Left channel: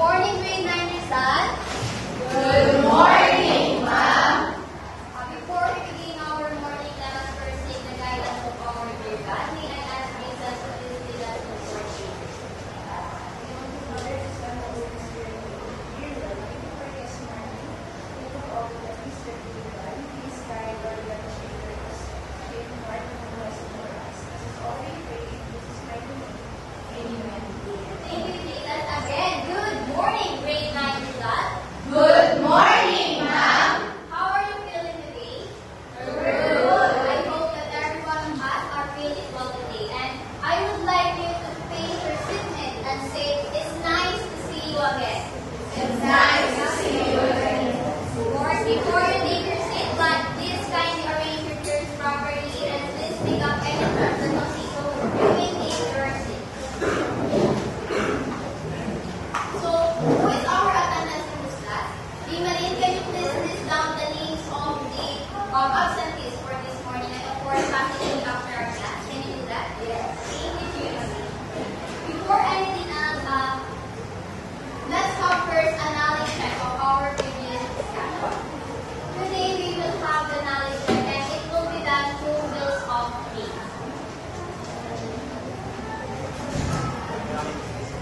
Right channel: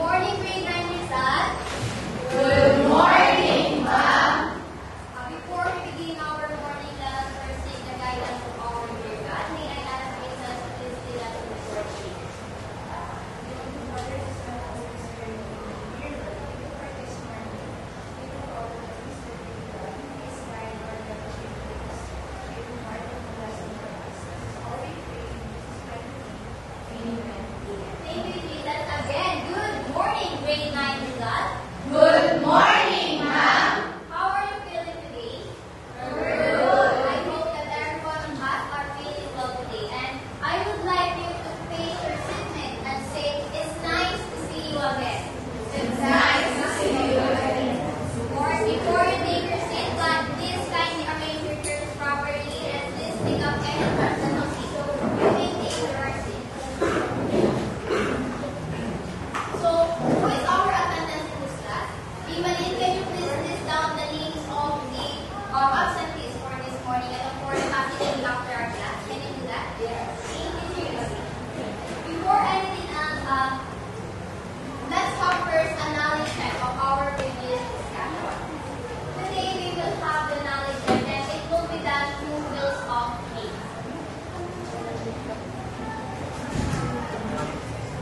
morning, grade 9 Rizal. Good morning, ma'am. Before we begin our morning, let us first take the guidance of our dear God. May I ask Jesus to please lead us in worship. Thank you, Jesus. Again, good morning, grade 9 Rizal. Good morning, ma'am. How are you feeling today? Good. I hope that everyone has are feeling well today. And I would like you to face your seatmate and say, it's nice to see you again. It's nice to see you again. Of course, before you take your seat, but please kindly arrange your chairs properly and please pick up any personal seat so you can take your seat. So, who is our attendance in this class? Bimaline, can you please list down the names of the absentees for this morning and of course passing after our class? Can you do that? Yes. Thank you. Before anything else, let's have first a knowledge check of our previous discussion. Today we will have the knowledge check and it will be done through wheels of faith.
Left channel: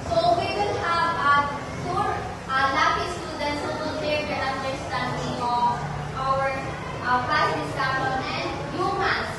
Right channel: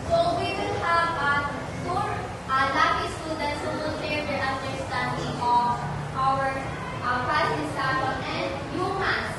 So we will have two lucky students who will share their understanding of our past discussion and humans.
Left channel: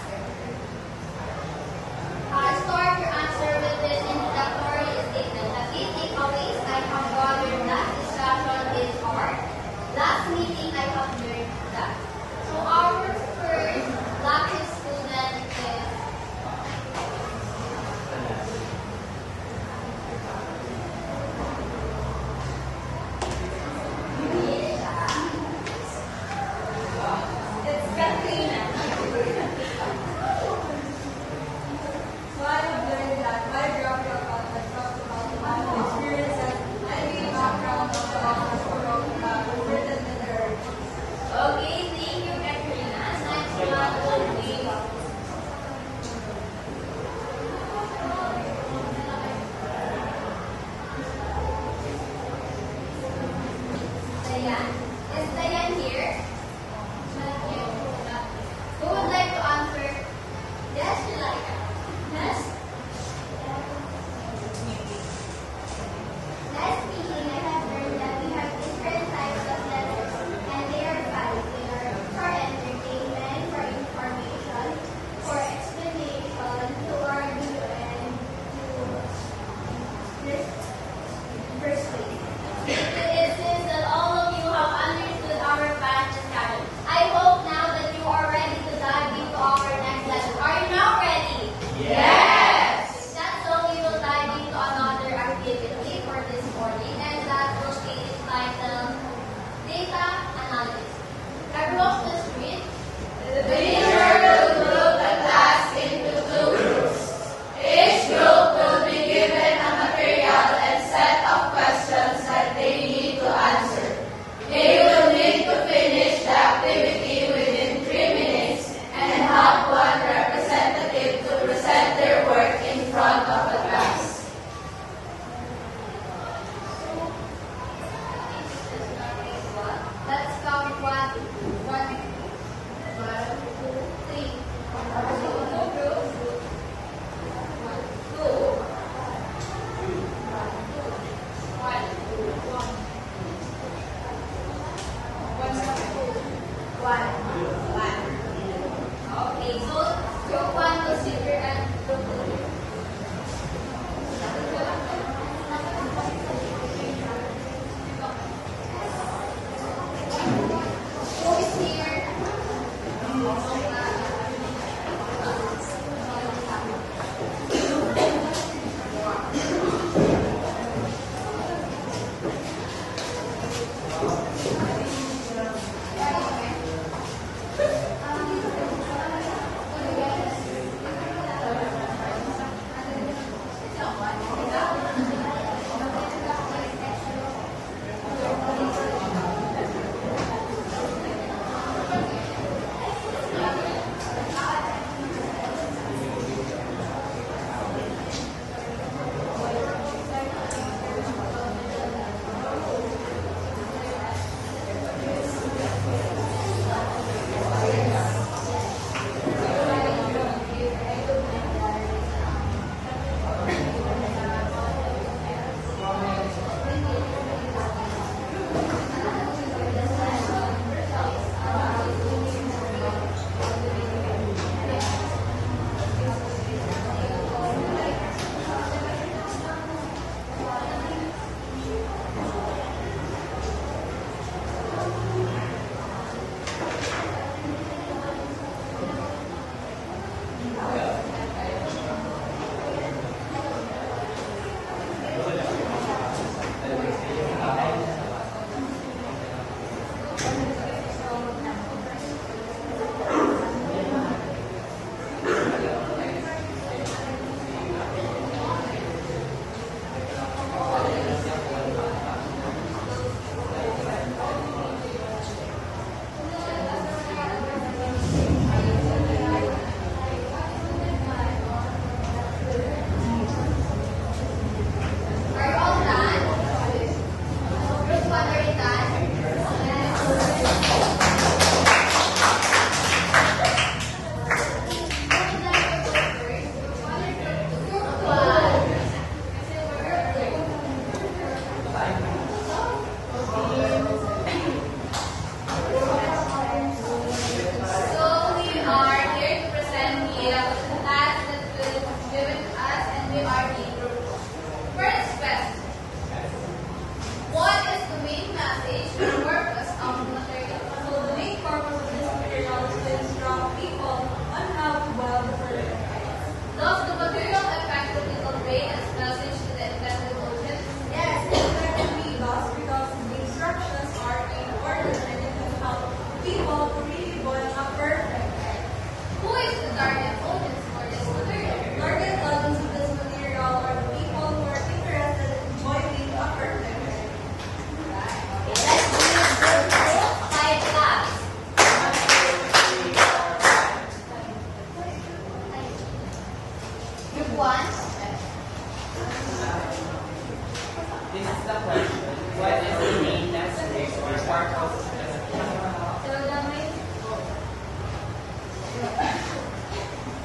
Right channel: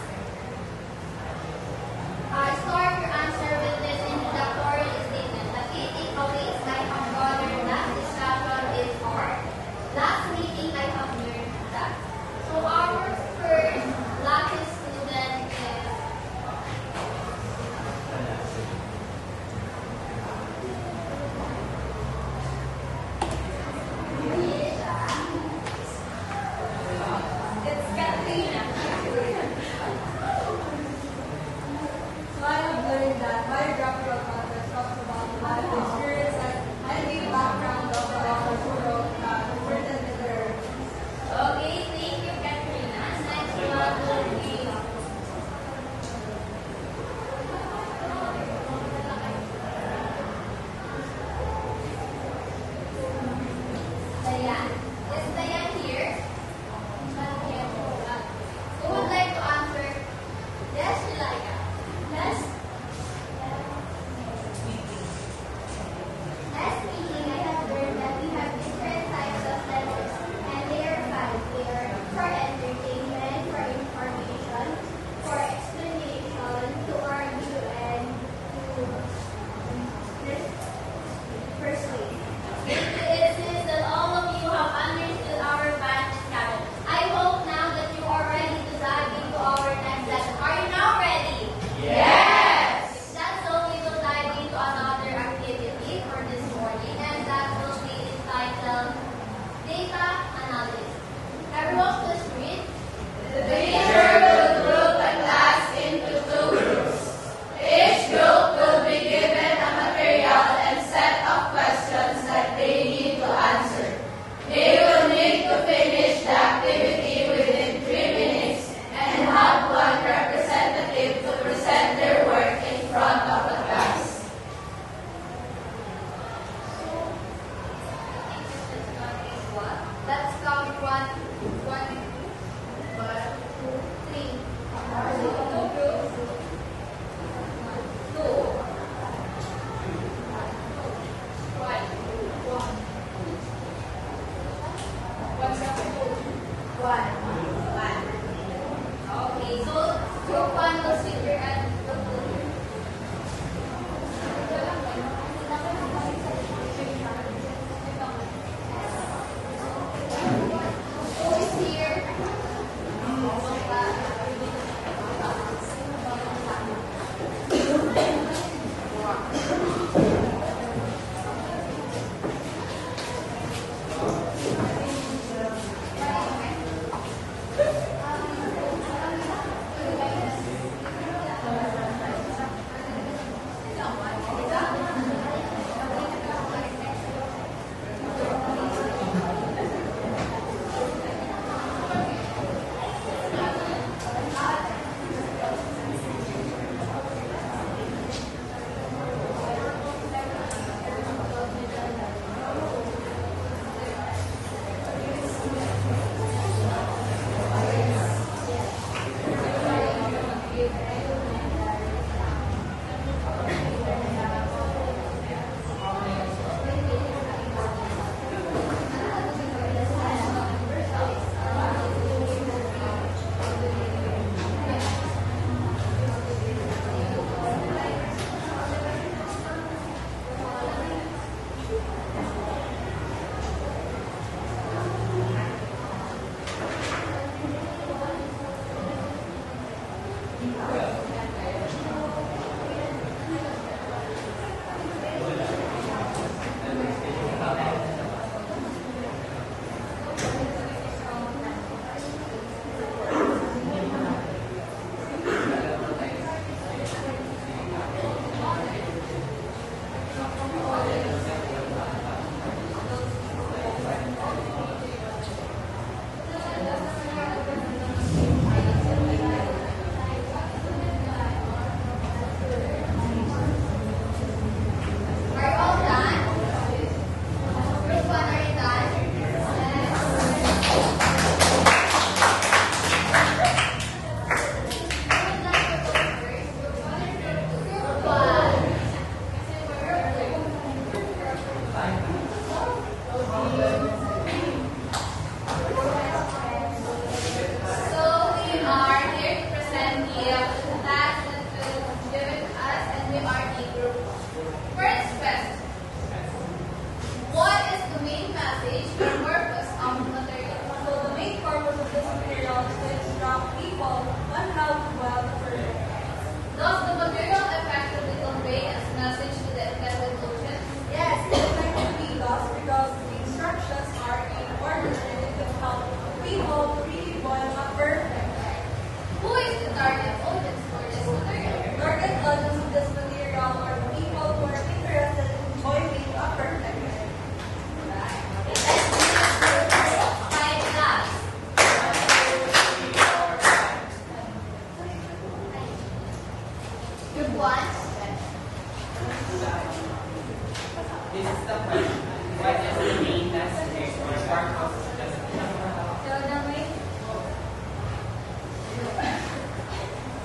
This is the question. What is the main message or part of the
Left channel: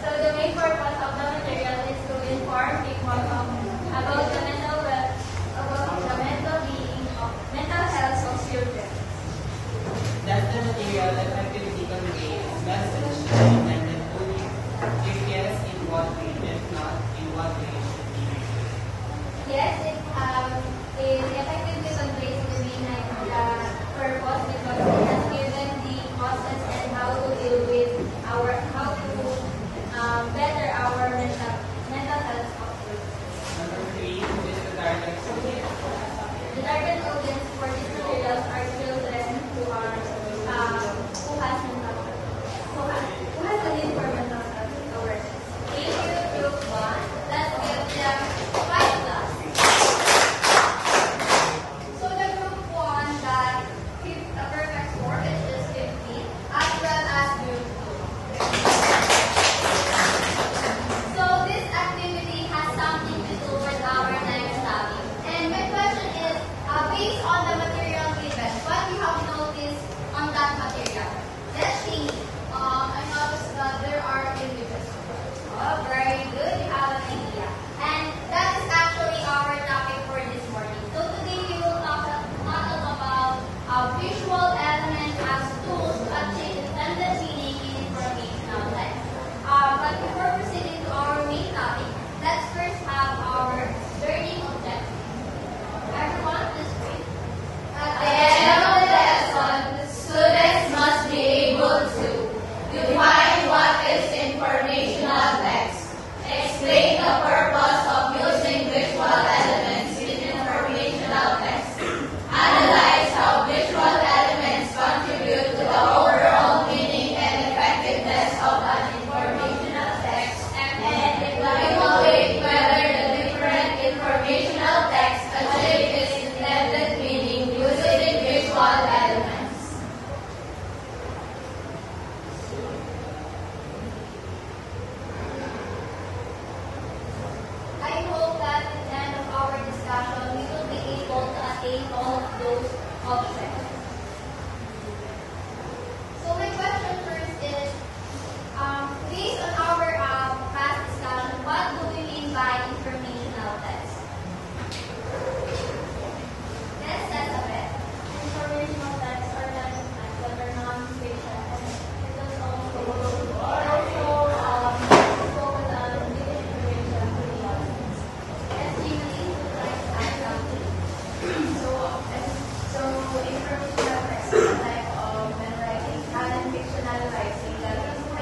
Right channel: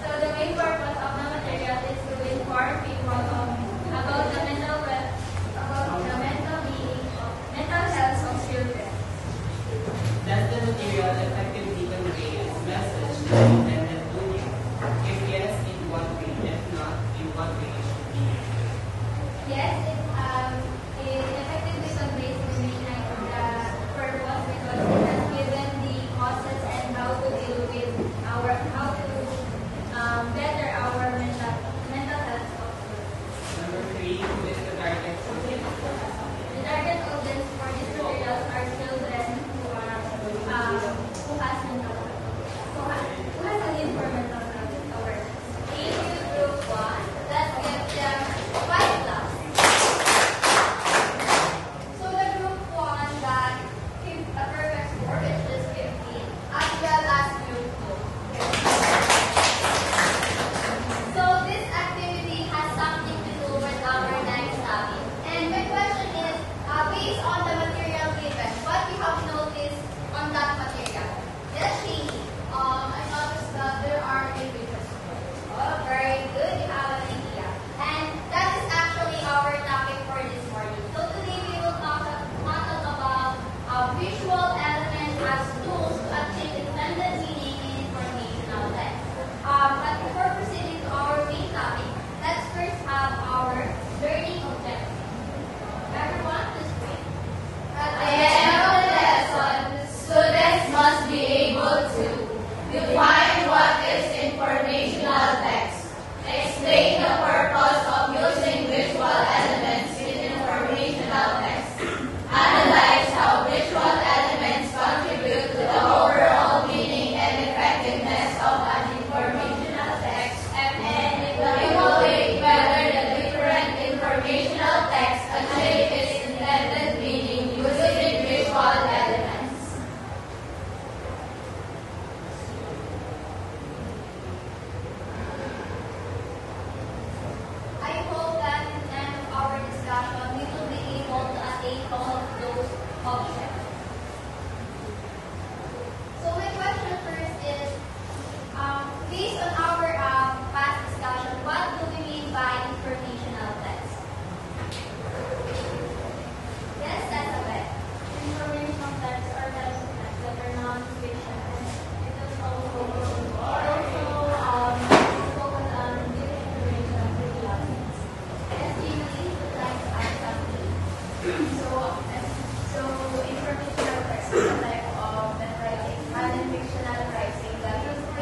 So the main purpose of the material is to inform people about the mental health of children. Does the material effectively convey its message intended to? If yes, in what way? If not, in what way it should be used? Yes, it effectively conveys the main purpose because it has given the causes and how to deal with how to better our mental health of children. Number 3, who is the target audience? The target audience for these materials are children who has a need for mental health awareness. Age group 1, let's give them 5 plus. So the group 1 that gives a perfect score is just 50, as well as group 2. So this activity has something to do with our life study. And my question is, based on the material given, what you have noticed on that material? Let's see. I noticed that there are images. Oh, very good. You have an idea. And that is actually our topic for this morning. So today we will talk about visual elements as tools to achieve intended meaning in informational text. But before proceeding to our main topic, let's first have our learning objective. Everyone, please read. At the end of the lesson, students must be able to define what is informational text, explain the purpose of using visual elements in informational text, analyze how visual elements contribute to the overall meaning and effectiveness of an informational text, and evaluate whether the different informational text achieve its intended meaning using visual elements. I hope that at the end of our discussion, we will be able to attain all of those objects. So my question first is, based on our past discussion, what do we mean by informational text? Yes, that's a bit. Informational texts are documents that are non-fiction and it's also focus on giving information to the audience. And simply text as something. So informational text is a type of writing and fictional writing that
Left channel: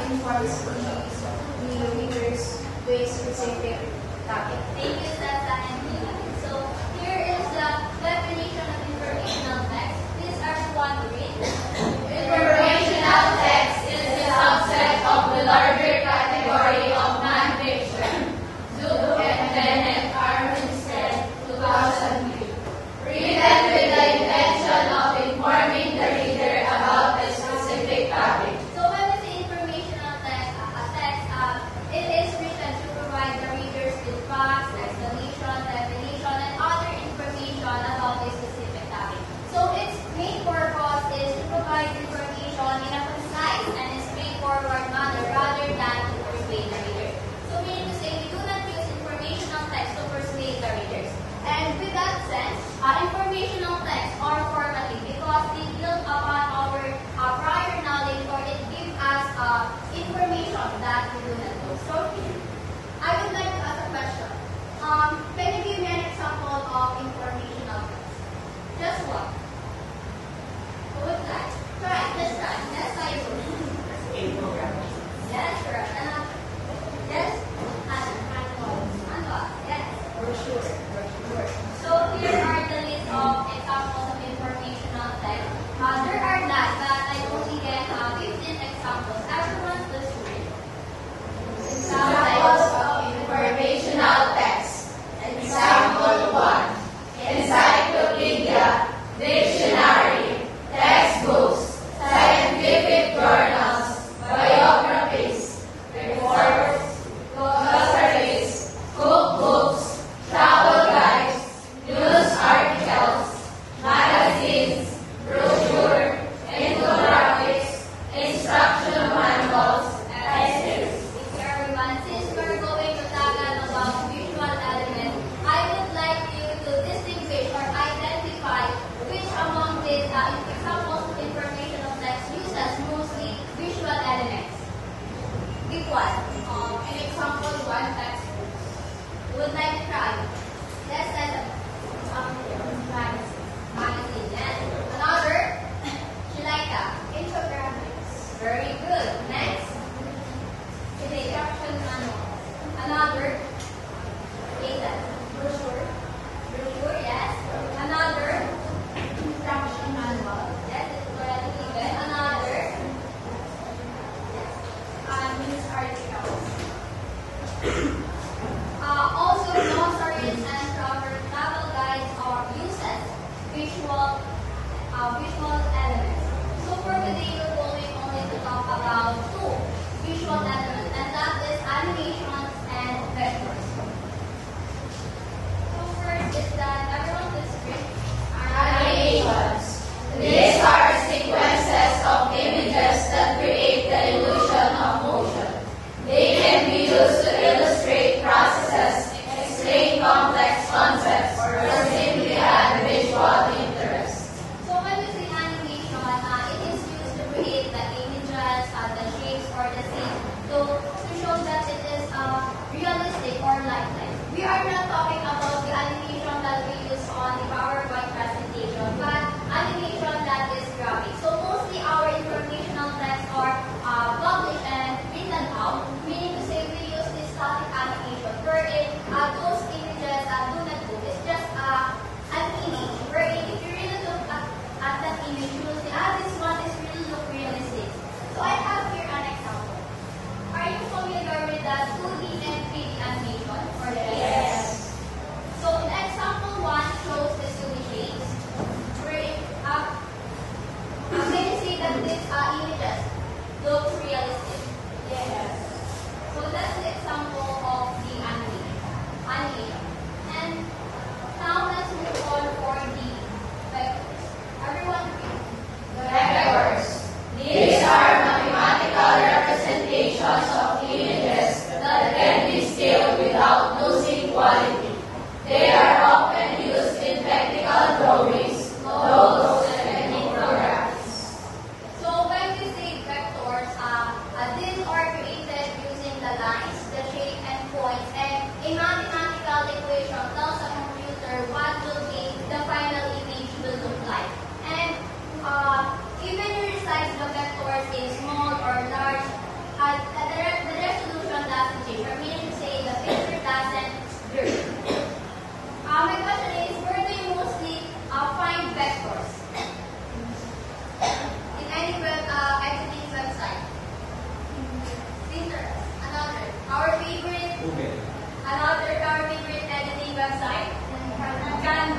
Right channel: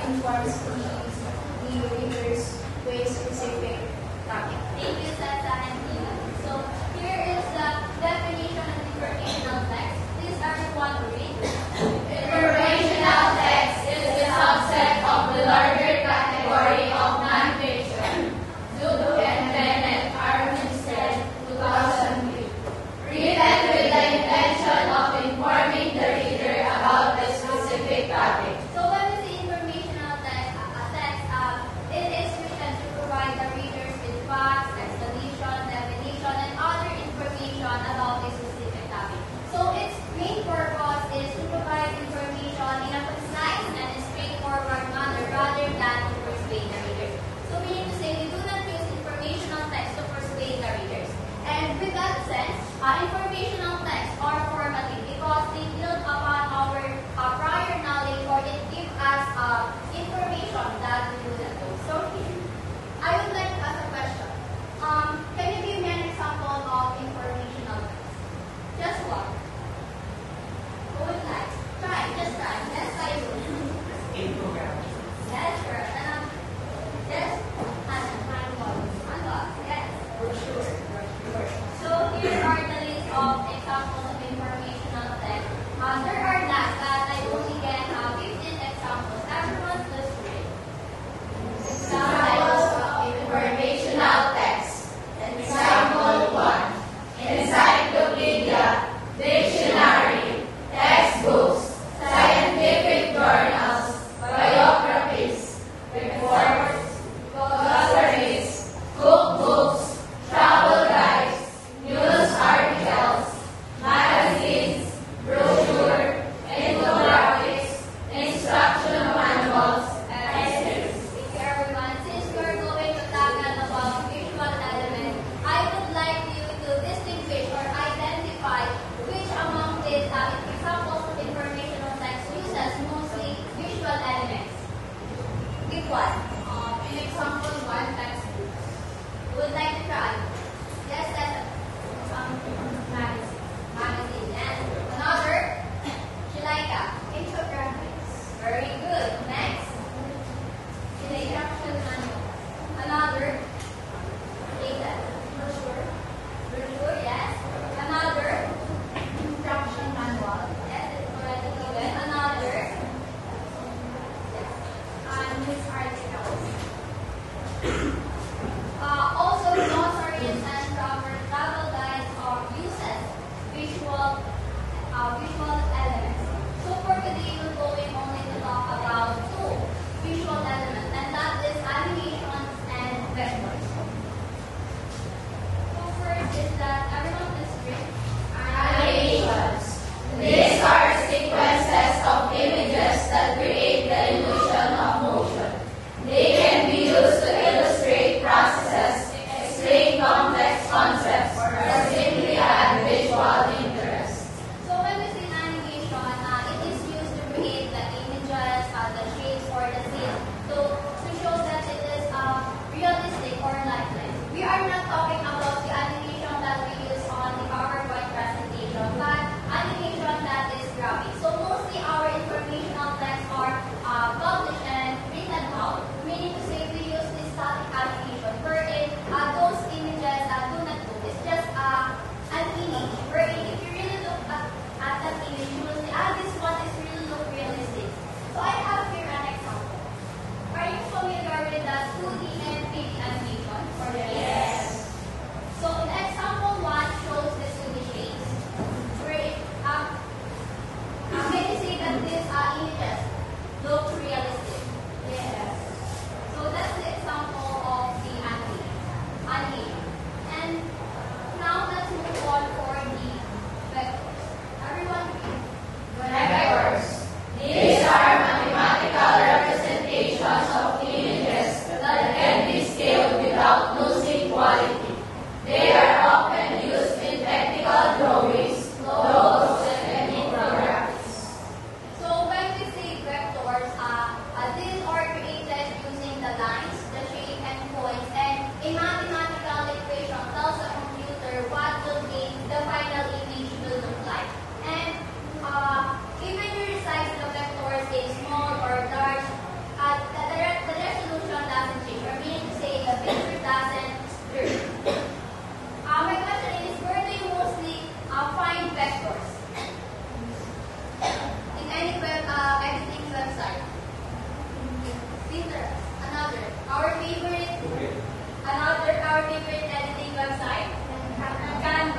informs the readers with specific topic. Thank you, Santa and Tina. So here is the definition of informational text. These are the one to read. Informational text is the subset of the larger category of non-fiction. Zook and Bennett Armistead, 2003. Written with the intention of informing the reader about a specific topic. So when we say informational text, it is written to provide the readers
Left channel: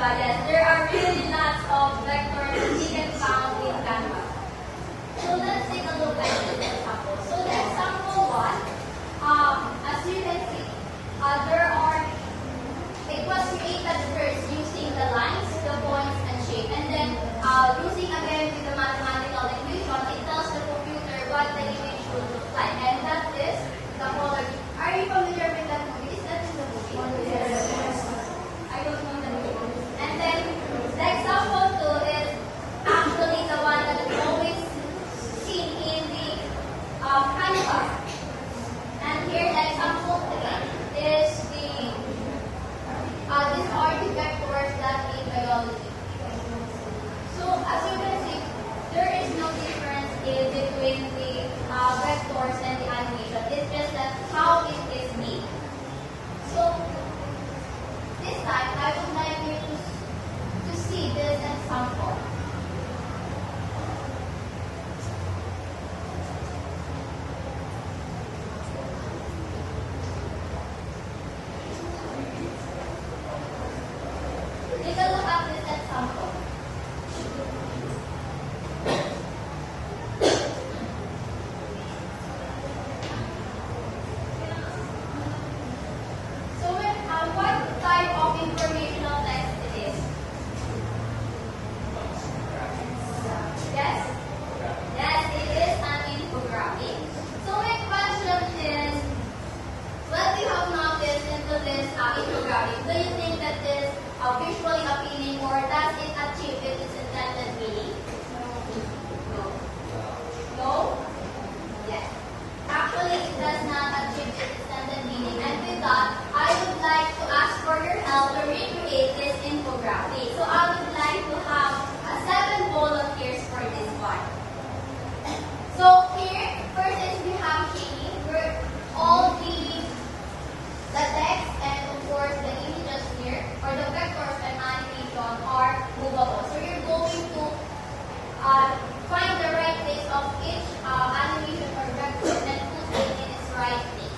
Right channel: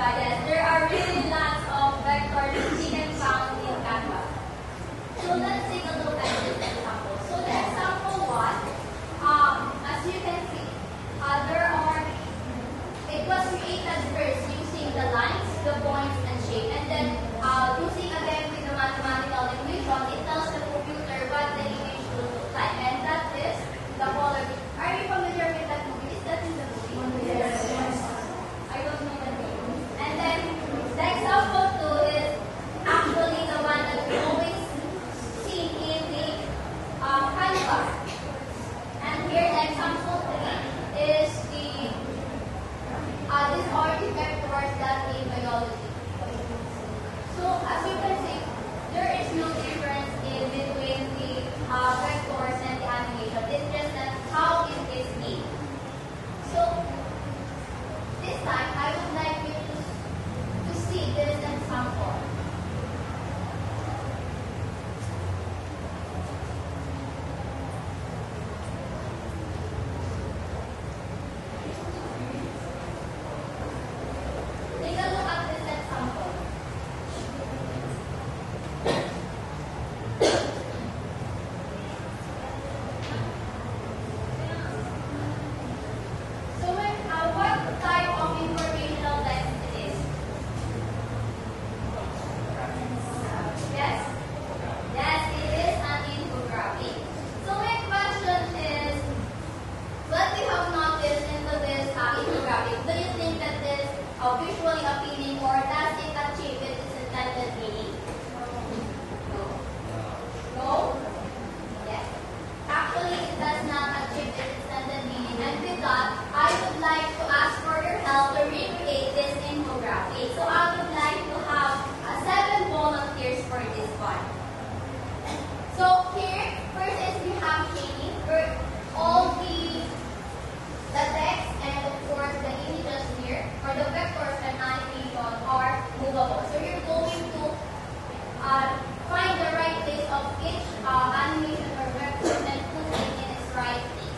Yes, there are really lots of vectors that we can found in Canva. So let's take a look at this example. So the example one, as you can see, it was created first using the lines, the points, and shape, and then using again with the mathematical equation, it tells the computer what the image should look like, and that is the color. Are you familiar with that movie? Is that in the movie? Yes. I don't know the name. And then the example two is actually the one that we always see in the canvas. And here the example three is these are the vectors that in biology. So as you can see, there is no difference in between the vectors and the animation. It's just that how it is made. So this time I would like you to see this example. Take a look at this example. So what type of informational text it is? Yes? Yes, it is an infographic. So my question is, what you have noticed into this infographic? Do you think that this visually appealing, or does it achieve its intended meaning? No. No? Yes. Actually, it does not achieve its intended meaning. And with that, I would like to ask for your help to recreate this infographic. So I would like to have 7 volunteers for this one. So here, first is we have Katie, where all the text and of course the images here, or the vectors and animation are movable. So you're going to find the right place of each animation or vector and put it in its right place.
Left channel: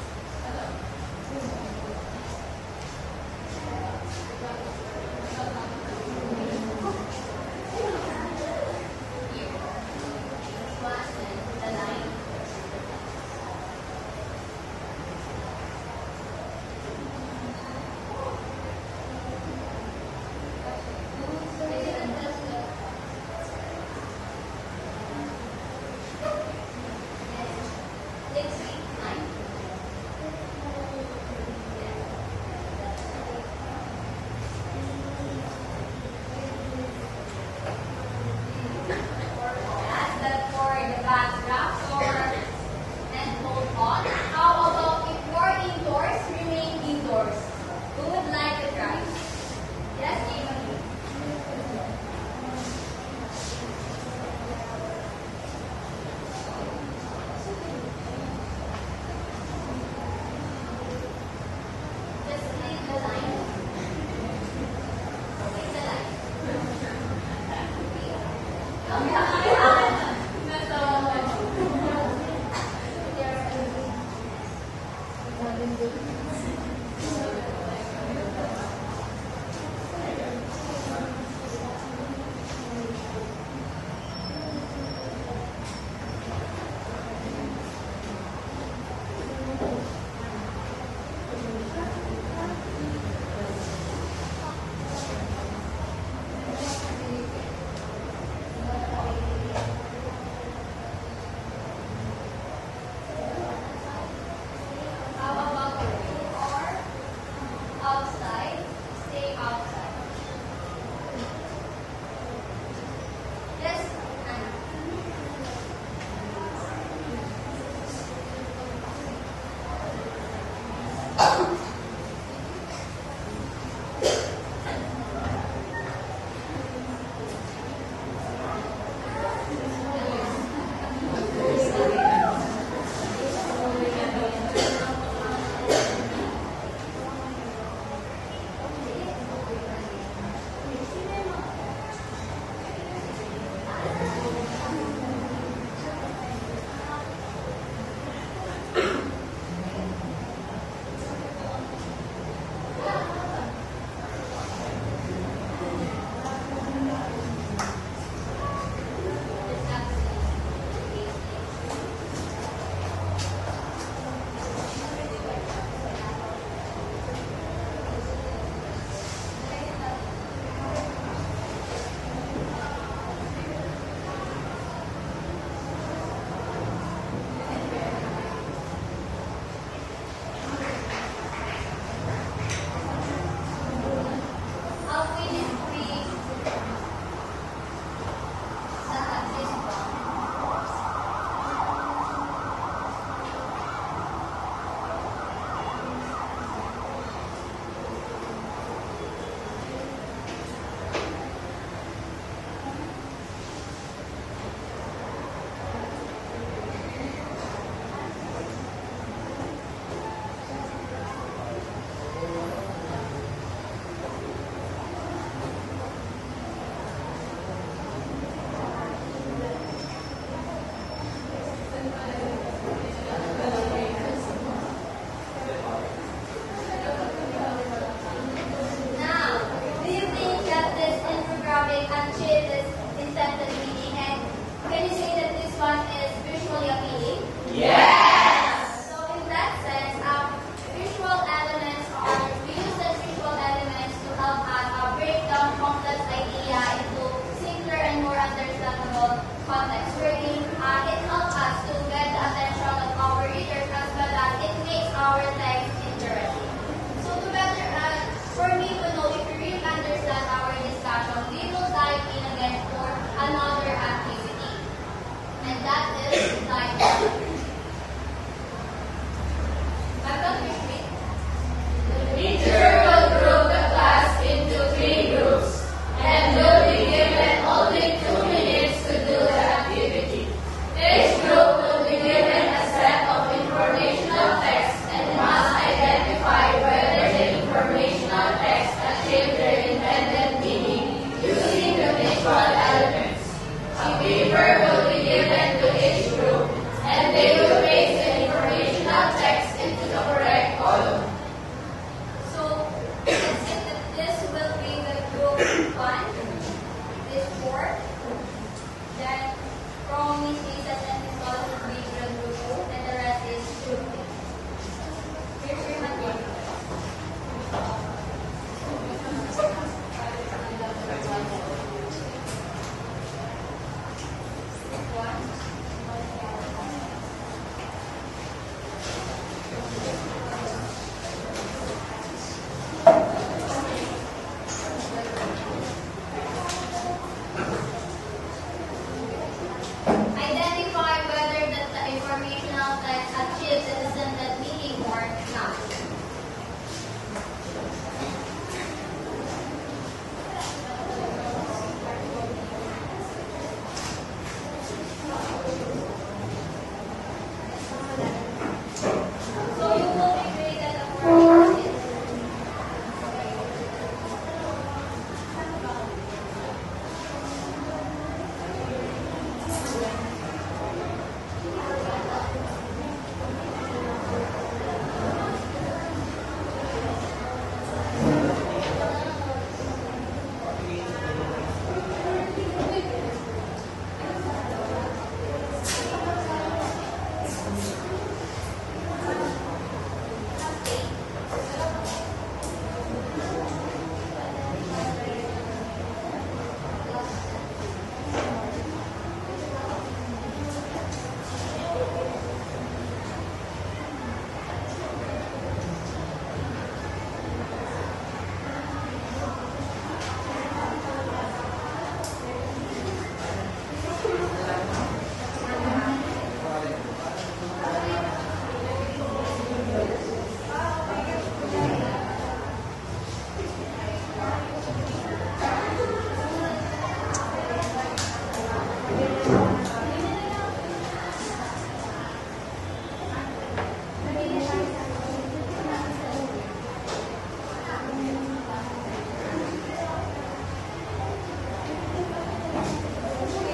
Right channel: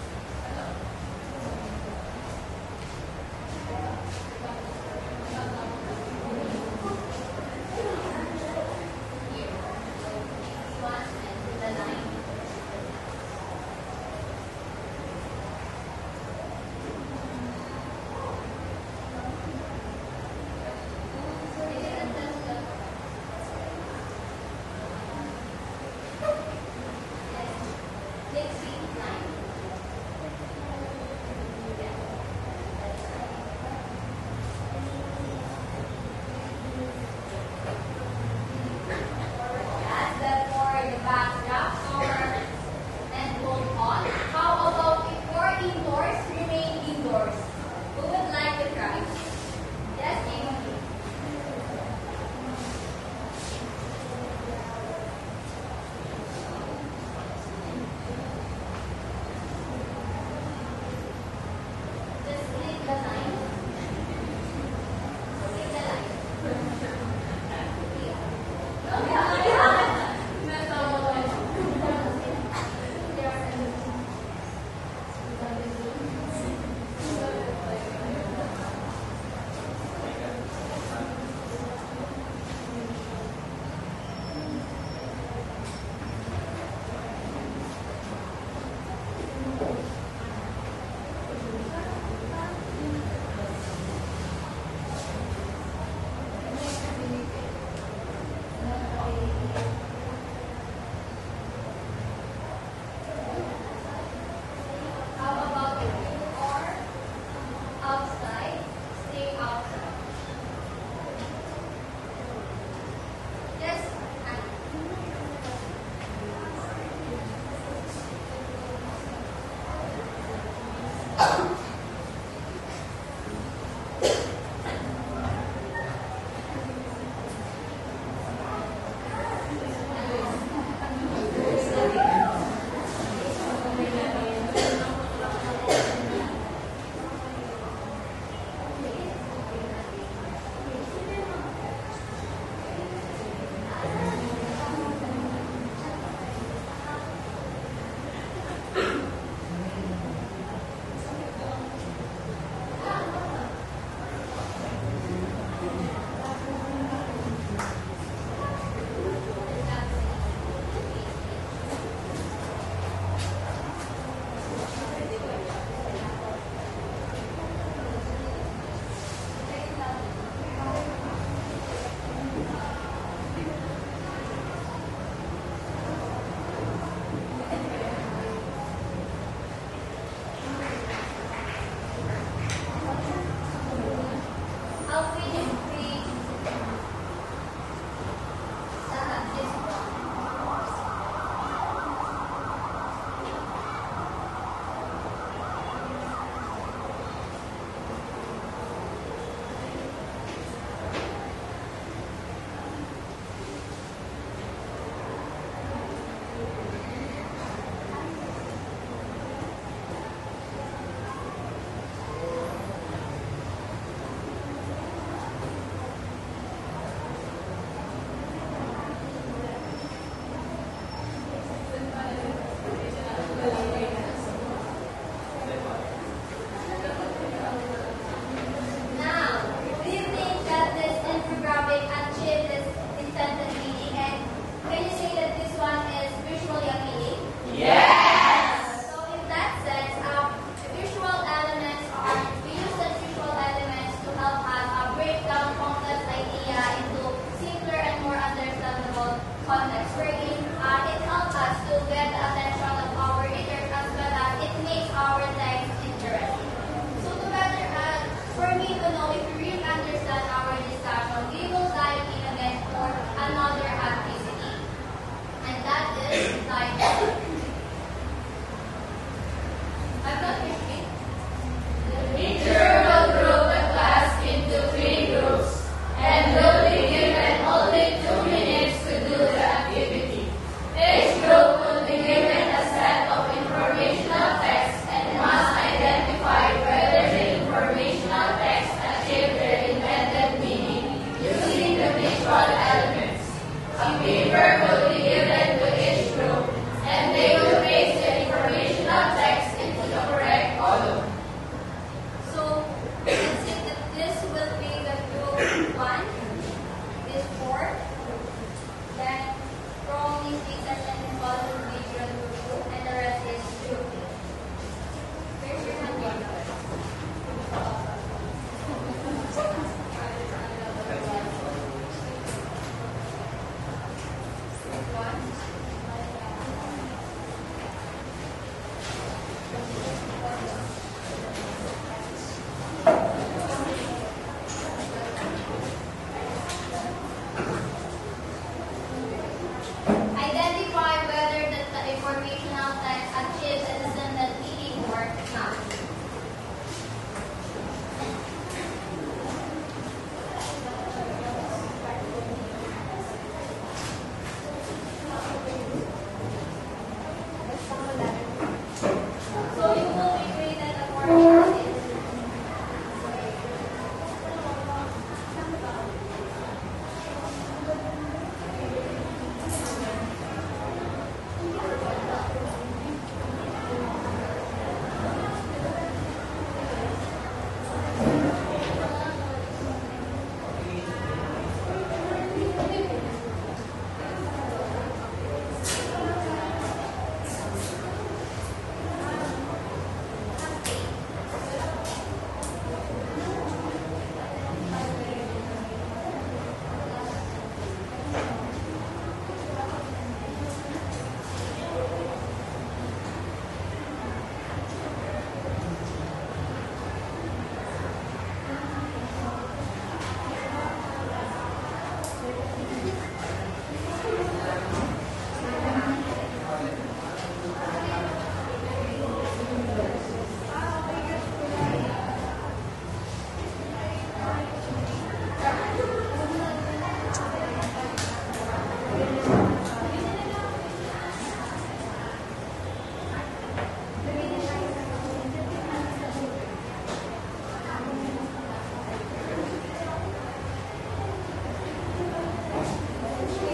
If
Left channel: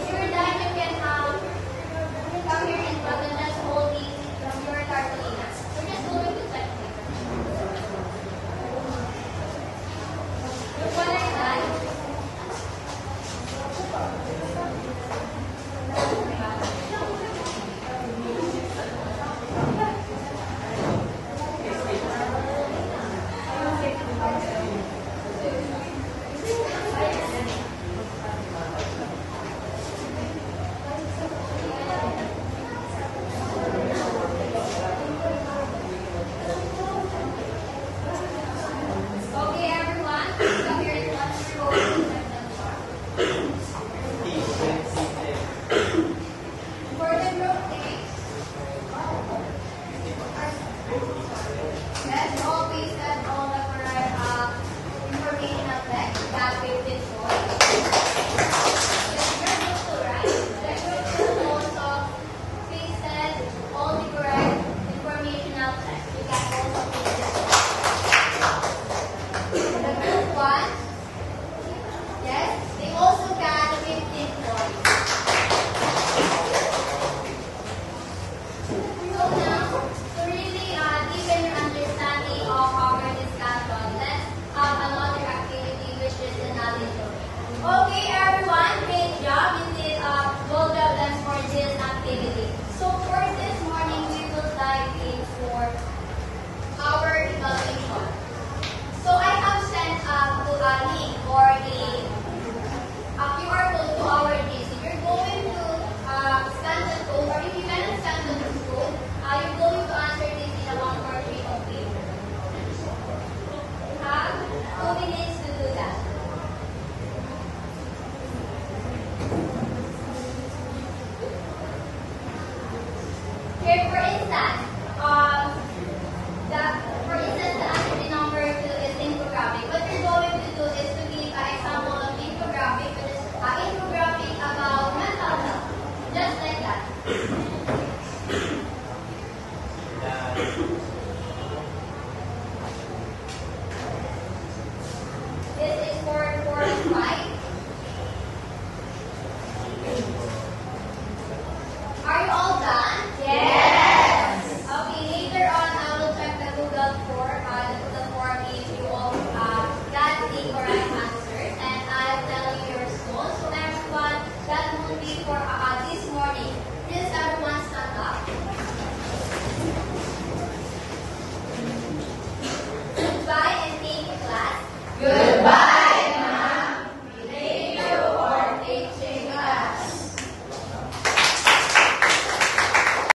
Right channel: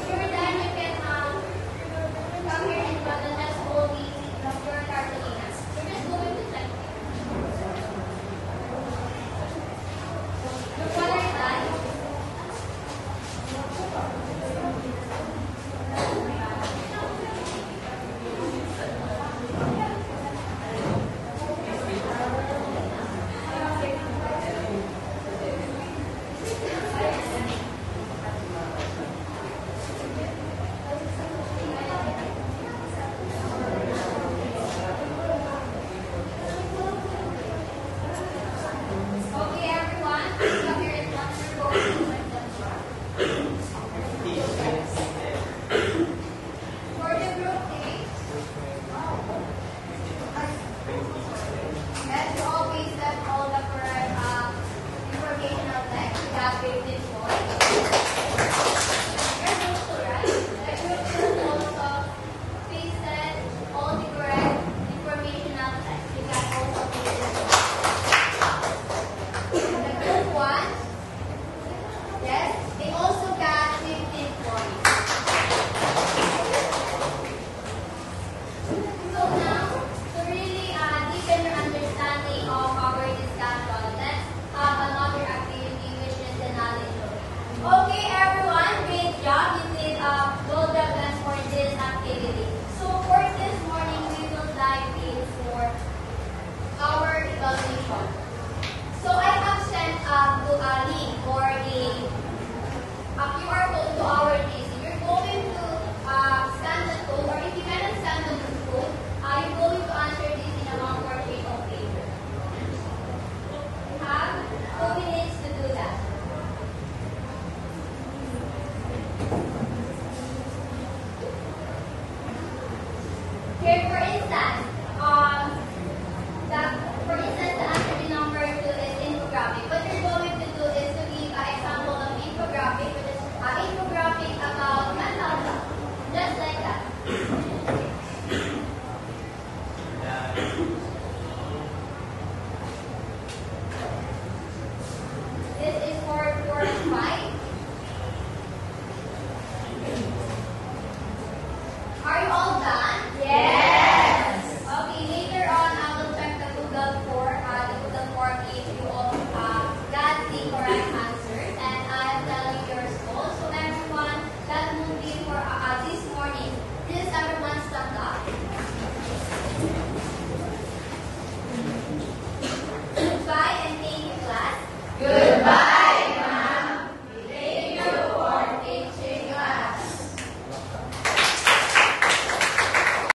you're done, you can come here and put the next whole week from your Carolina. We're just going to type it. One at a time. Okay, everyone, come here and watch your For the group name, let's always have all the correct information that we've been told. You're supposed to, right? The group is also pasted all the correct informational text. We got also pasted. The group one, yes, they also got 15 points. So now, to really deepen your understanding of our discussion, let's have another activity which is the knowledge load. Okay, everyone, great job. You did well done for this activity. So for this morning, we will dive in for our evaluation. So I have sent to a link